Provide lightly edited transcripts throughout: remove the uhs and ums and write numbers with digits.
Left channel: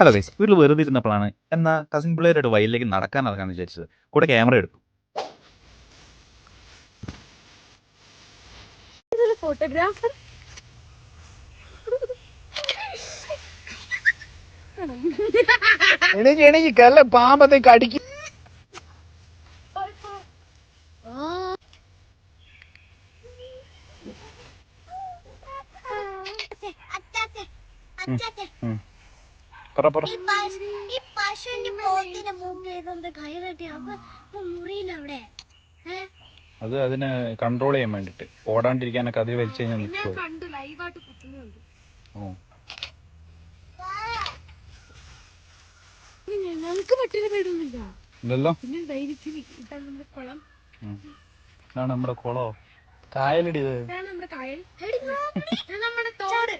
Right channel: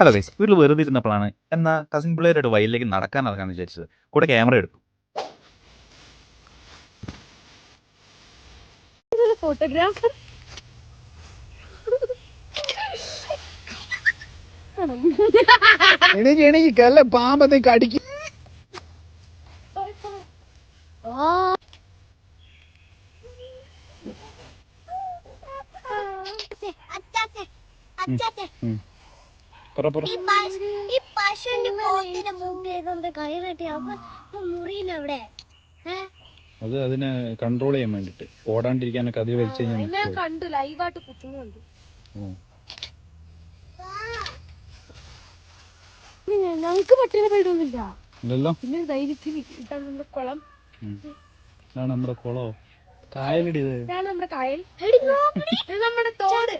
Hello guys, വീട്ടിൽ വെറുതെ ഇരുന്നപ്പോഴാണ് എന്നാ കസിൻ പിള്ളേരായിട്ട് വയലിലേക്ക് നടക്കാൻ ഇറങ്ങാന്ന് വിചാരിച്ചത്. കൂടെ ക്യാമറ എടുത്തു. ഫോട്ടോഗ്രാഫർ എനിക്ക് കല്ല പാമ്പത്തെ കടിക്കും. അത് അതിനെ കൺട്രോൾ ചെയ്യാൻ വേണ്ടിട്ട് ഓടാണ്ടിരിക്കാനൊക്കെ അത് വലിച്ചു ഞങ്ങൾക്ക് പട്ടിനെ പേടൊന്നുമില്ല. ഇല്ലല്ലോ. പിന്നെ ധൈര്യത്തിന് ഇതാണ് നമ്മുടെ കുളം. ഇതാണ് നമ്മുടെ കുളോ കായലടി. ഇതാണ് നമ്മുടെ കായൽ, നമ്മുടെ തോട്.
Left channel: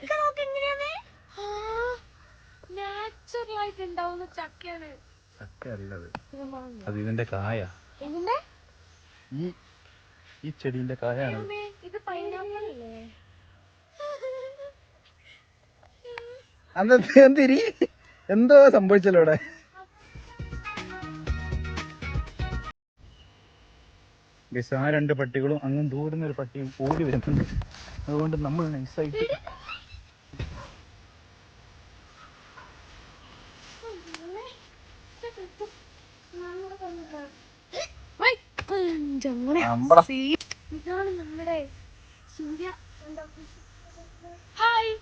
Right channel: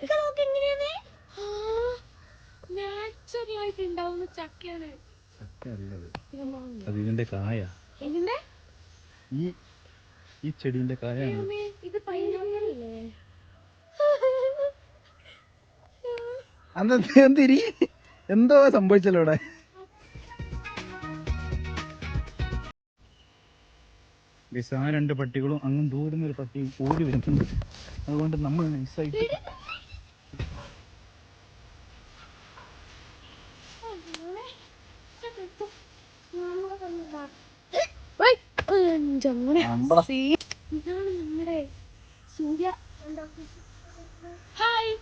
നാച്ചുറൽ ആയിട്ട് ഉണ്ടാവുന്ന ചക്കയാണ്. ചക്കയല്ലത്, അത് ഇതിന്റെ കായ. ഇതിന്റെ ഈ ചെടീന്റെ കായാണ്. ഇത് പൈനാപ്പിൾ അല്ലേ? എന്തിരി എന്തോ സംഭവിച്ചല്ലോ അവിടെ. ആ രണ്ട് പട്ടികളും അങ്ങും ദൂരുന്ന ഒരു പട്ടിയും ഓടി വരുന്നുണ്ട്. അതുകൊണ്ട് നമ്മൾ നൈസായിട്ട് ഇതാണ് നമ്മുടെ സൂര്യ. ഹായ്.